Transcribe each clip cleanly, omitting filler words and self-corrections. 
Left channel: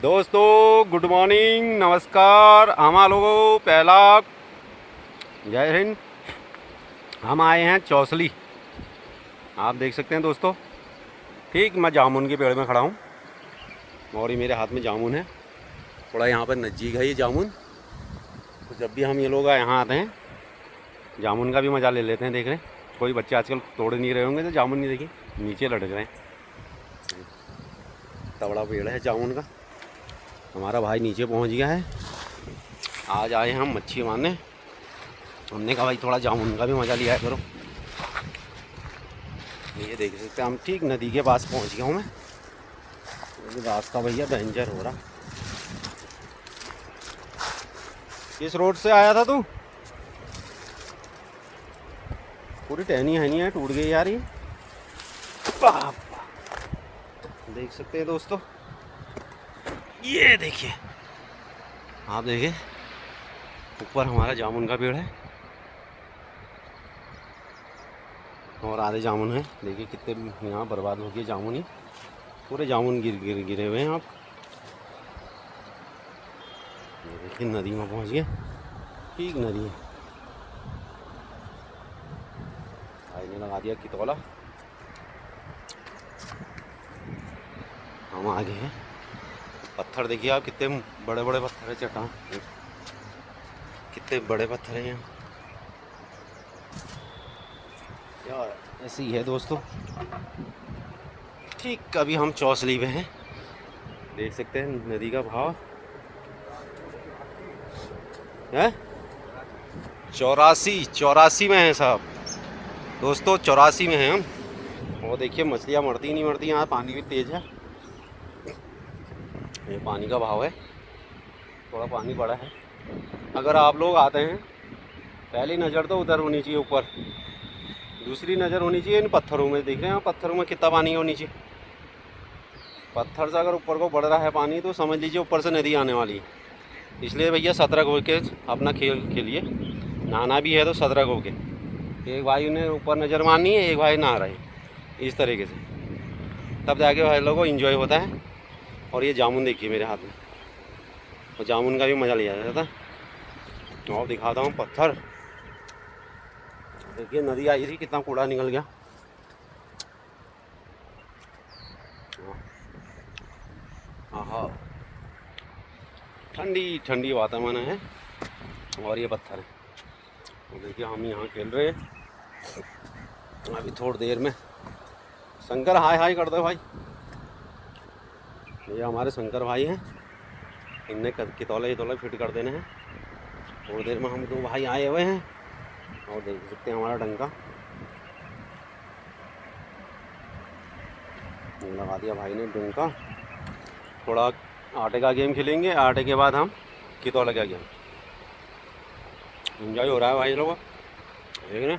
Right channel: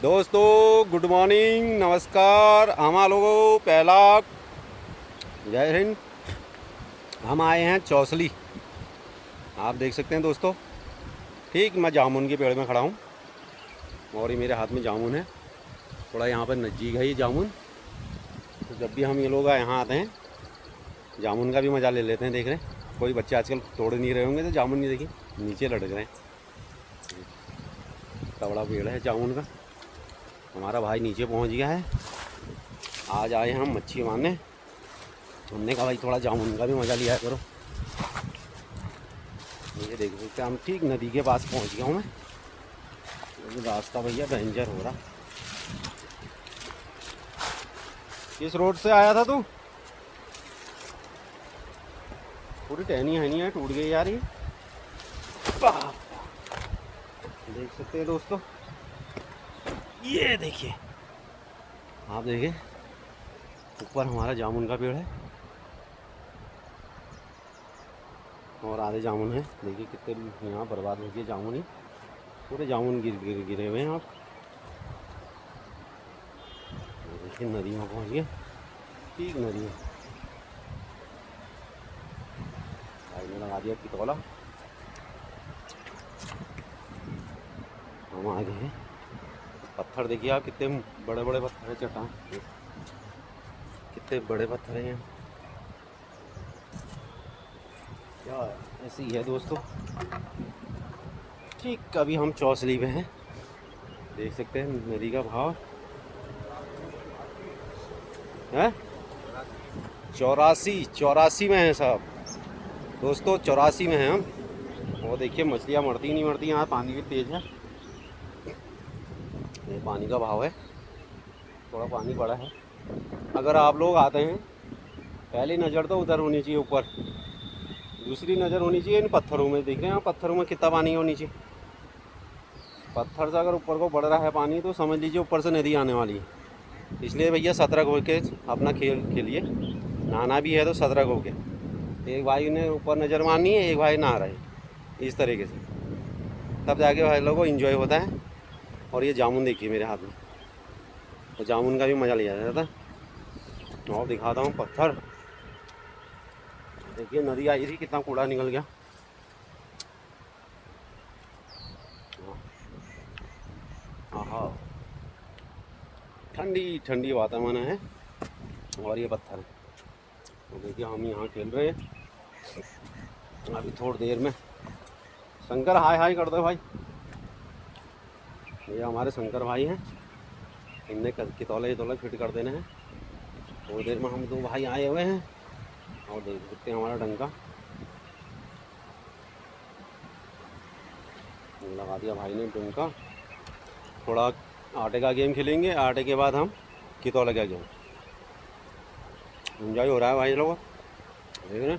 दोस्तों good morning, नमस्कार। हमारा लोगों पहला जय हिंद। हम आए हैं चौसली, आप देख सकते हैं दोस्तों। ठीक, मैं जामुन के पेड़ में खड़ा हूँ और ये मेरे हाथ में जामुन है। थोड़ा यहाँ पर नज़दीक है ये जामुन, तो जब भी हम ये लोग यहाँ आते हैं जामुन का भी मज़ा ले लेते हैं। देख रहे हैं कोई बच्चे आजकल तोड़ नहीं रहे होंगे तो जामुन नहीं, देखिए नीचे लटक रहे हैं। तगड़ा पेड़ है जामुन का। हमारा भाई नीचे पहुँच गया है। आज आए हम मच्छी मारने। हमने कहा भाई थोड़ा जामुन का भी मज़ा लिया करो। ये देख सकते हैं हम ठीक नदी के पास पहुंच गया हूँ मैं। रास्ता भैया डेंजर हो रहा है। किस रोड से आया था तू? पूरी टहनी है नहीं है, टूट गई यार ये। देख सकते हैं दोस्तों, ये देखिए, आप देखिए ऊपर हमारा जामुन का पेड़ है और आधे जामुन है। देखिए कितने यहाँ बर्बाद हो गए जामुन ही, पूरे जामुन गिरे हुए हैं। आप देखिए नदी में पहुँच गए, ठीक नदी में। भाई ने लगा दिया कितौला, हम आगे हैं। पत्थर देखिए आप, कितने बड़े बड़े पत्थर है, चट्टान कितने बड़े पत्थर हैं यहाँ यार। ऐसे ही है दोस्तों। ठीक कभी हम चौसली में हैं, देख सकते हैं नदी का भाव है। 84 में है साहब दोस्तों, 84 में हैं हम। वो देखिए मछलियाँ मरती नहीं मरती, यहाँ पानी भी तेज़ है। ये पानी का भाव है, थोड़ा पानी बड़ा है। अगर आप लोग आते हैं, पहली नज़र तो उधर होनी चाहिए ऊपर, दूसरी नज़र होनी चाहिए इन पत्थरों में। देख रहे हैं पत्थरों में कितना पानी होनी चाहिए। पत्थर से अगर ऊपर को बढ़ रहा है पानी तो समझ लीजिए ऊपर से नदी आने वाली है। इसलिए भैया सतर्क होके अपना खेल खेलिए। नहाना भी है तो सतर्क होके। एक भाई ने ऊपर नज़र मारनी है, एक भाई नहा रहे हैं, इस तरीके से, तब जाके भाई लोगों को इन्जॉय होता है। और ये जामुन देखिए मेरे हाथ में, और जामुन का भी मज़ा लिया जाता है। और दिखाता हूँ पत्थर, देखिए नदी आई थी, कितना कूड़ा निकल गया। हाँ, ठंडी ठंडी वातावरण है और ये पत्थर है। और देखिए हम यहाँ खेल रहे हैं। अभी थोड़ी देर में शंकर हाय हाय कर दो भाई। ये हमारे शंकर भाई हैं, इनने कितौले फिट कर देने हैं। थोड़ी देर में हम दो भाई आए हुए हैं और देख सकते हैं हमारा डंका लगा दिया भाई ने डंका। थोड़ा आटे का गेम खेलेंगे, आटे के बाद हम कितौले का गेम। एंजॉय हो रहा है भाई लोगों, देख रहे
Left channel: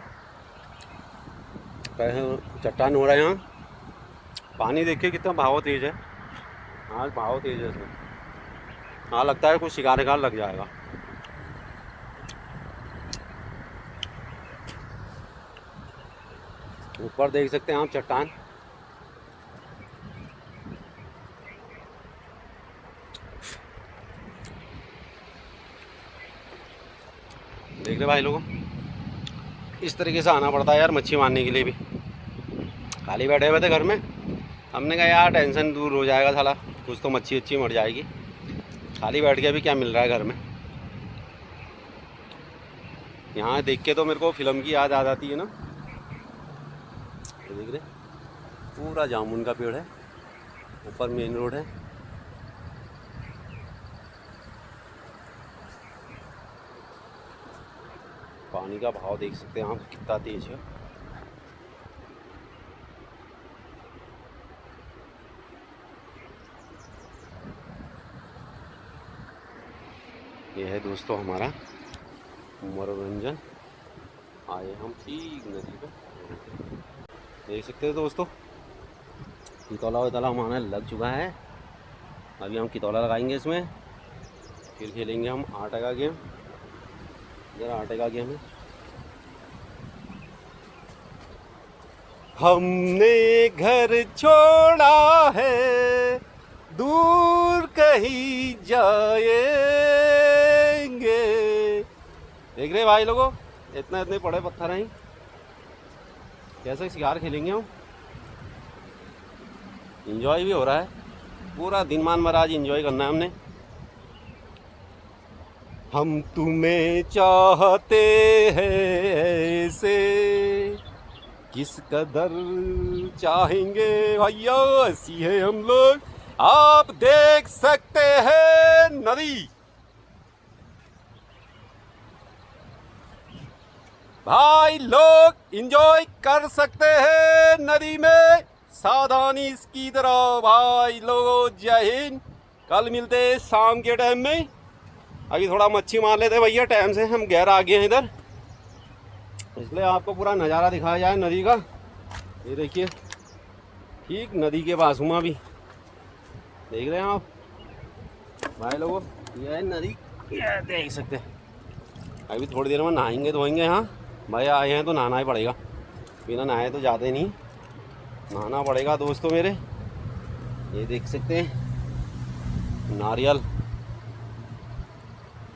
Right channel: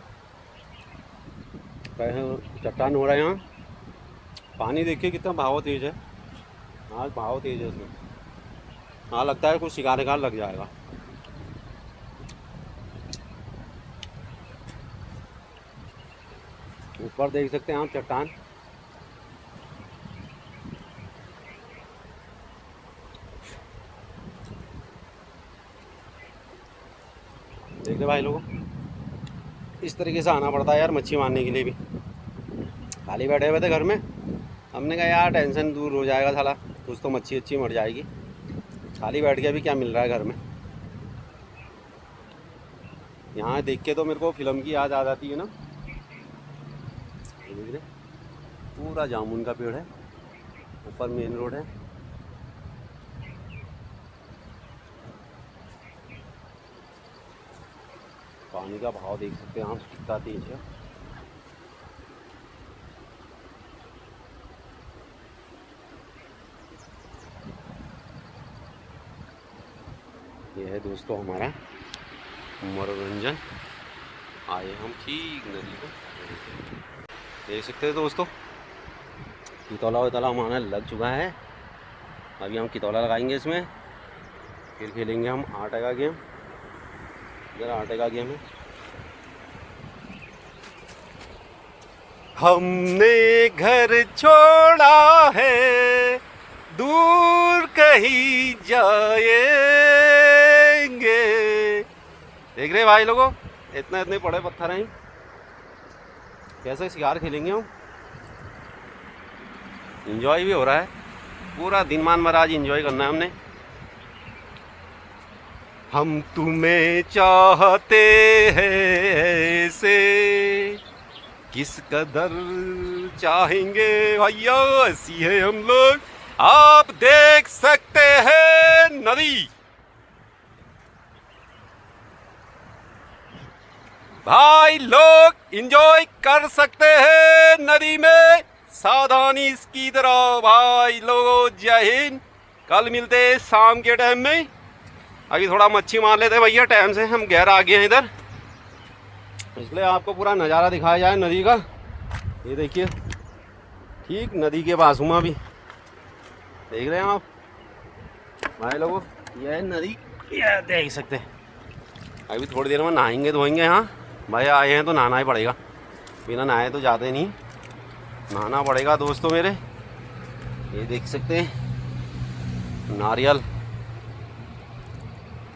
कैसे चट्टान हो रहा है यहाँ। पानी देखिए कितना भाव तेज है, आज भाव तेज है इसमें। हाँ लगता है कुछ शिकार लग जाएगा। ऊपर देख सकते हैं हम चट्टान, देख रहे भाई लोगों। इस तरीके से आना पड़ता है यार मच्छी मारने के लिए भी। खाली बैठे हुए थे घर में, हमने कहा यार टेंशन दूर हो जाएगा, साला कुछ तो मच्छी अच्छी मर जाएगी। खाली बैठ के अभी क्या मिल रहा है घर में। यहाँ देख के तो मेरे को फिल्म की याद आ जाती है ना। देख रहे पूरा जामुन का पेड़ है, ऊपर मेन रोड है। पानी का भाव देख सकते हैं हम कितना तेज है। यह है दोस्तों हमारा मनोरंजन। आए हम ठीक नदी को, देख सकते हैं दोस्तों। कितौला वितौला हमारा लग चुका है। अभी हम कितौला लगाएंगे इसमें, फिर खेलेंगे हम आटे का गेम। इधर आटे का गेम है। हमने घर छोड़ा है दूर कहीं जाएंगे। देख रहे भाई लोगों, इतने इतने बड़े पत्थर हैं, कैसे शिकार खेलेंगे हम। एंजॉय भी हो रहा है, पूरा दिन मान भर आज एंजॉय करना है हमने। हम तुम्हें चाहते हैं ऐसे, किस कदर चाहेंगे भैया, ऐसी है हम लोग। आप देख सकते हैं नदी, भाई लोग एंजॉय कर सकते हैं नदी में, सावधानी इसकी तरह भाई लोगों। जय हिंद, कल मिलते हैं शाम के टाइम में। अभी थोड़ा मच्छी मार लेते हैं भैया, टाइम से हम गहरा आ गए हैं इधर, इसलिए आपको पूरा नज़ारा दिखाया जाए नदी का। ये देखिए ठीक नदी के बाजुमा भी देख रहे हैं आप भाई लोगों, यह है नदी, ये देख सकते हैं। अभी थोड़ी देर में नहाएंगे धोएंगे। यहाँ भाई आए हैं तो नहाना ही पड़ेगा, बिना नहाए तो जाते नहीं, नहाना पड़ेगा दोस्तों मेरे। ये देख सकते हैं नारियल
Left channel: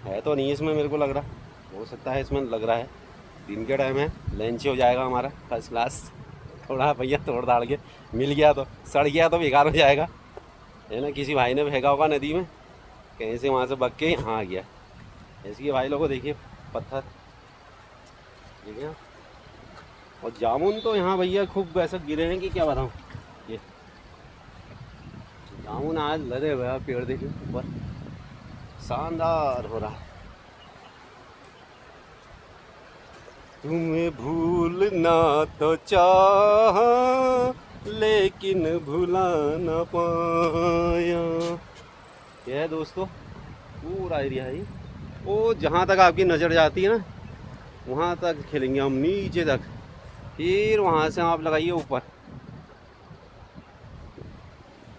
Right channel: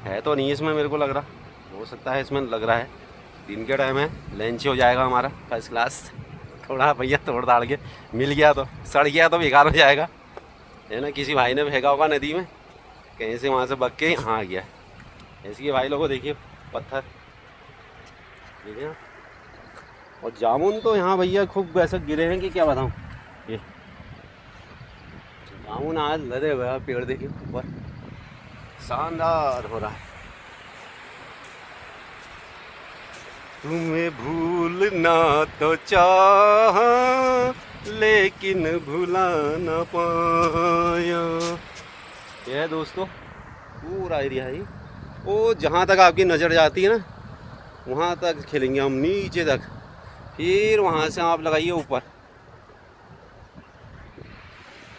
है तो नहीं इसमें, मेरे को लग रहा, हो सकता है इसमें लग रहा है। दिन के टाइम है, लंच हो जाएगा हमारा फर्स्ट क्लास। थोड़ा भैया तोड़ दाड़ के मिल गया तो, सड़ गया तो बेकार हो जाएगा, है ना। किसी भाई ने फेंका होगा नदी में, कहीं से वहाँ से बग के यहाँ आ गया। ऐसे भाई लोगों देखिए पत्थर, ठीक है। और जामुन तो यहाँ भैया खूब ऐसा गिरे हैं कि क्या बताऊँ। ये जामुन आज लदे हुए पेड़ देखिए ऊपर, शानदार हो रहा है। तुम्हें भूलना तो चाहा लेकिन भुला न पाया। यह है दोस्तों पूरा एरिया है, वो जहाँ तक आपकी नज़र जाती है ना वहाँ तक खेलेंगे हम, नीचे तक, फिर वहाँ से आप लगाइए ऊपर।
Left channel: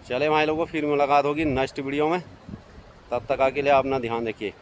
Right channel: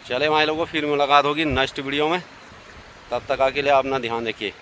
चले भाई लोगों, फिर मुलाकात होगी नेक्स्ट वीडियो में, तब तक के लिए अपना ध्यान रखिए।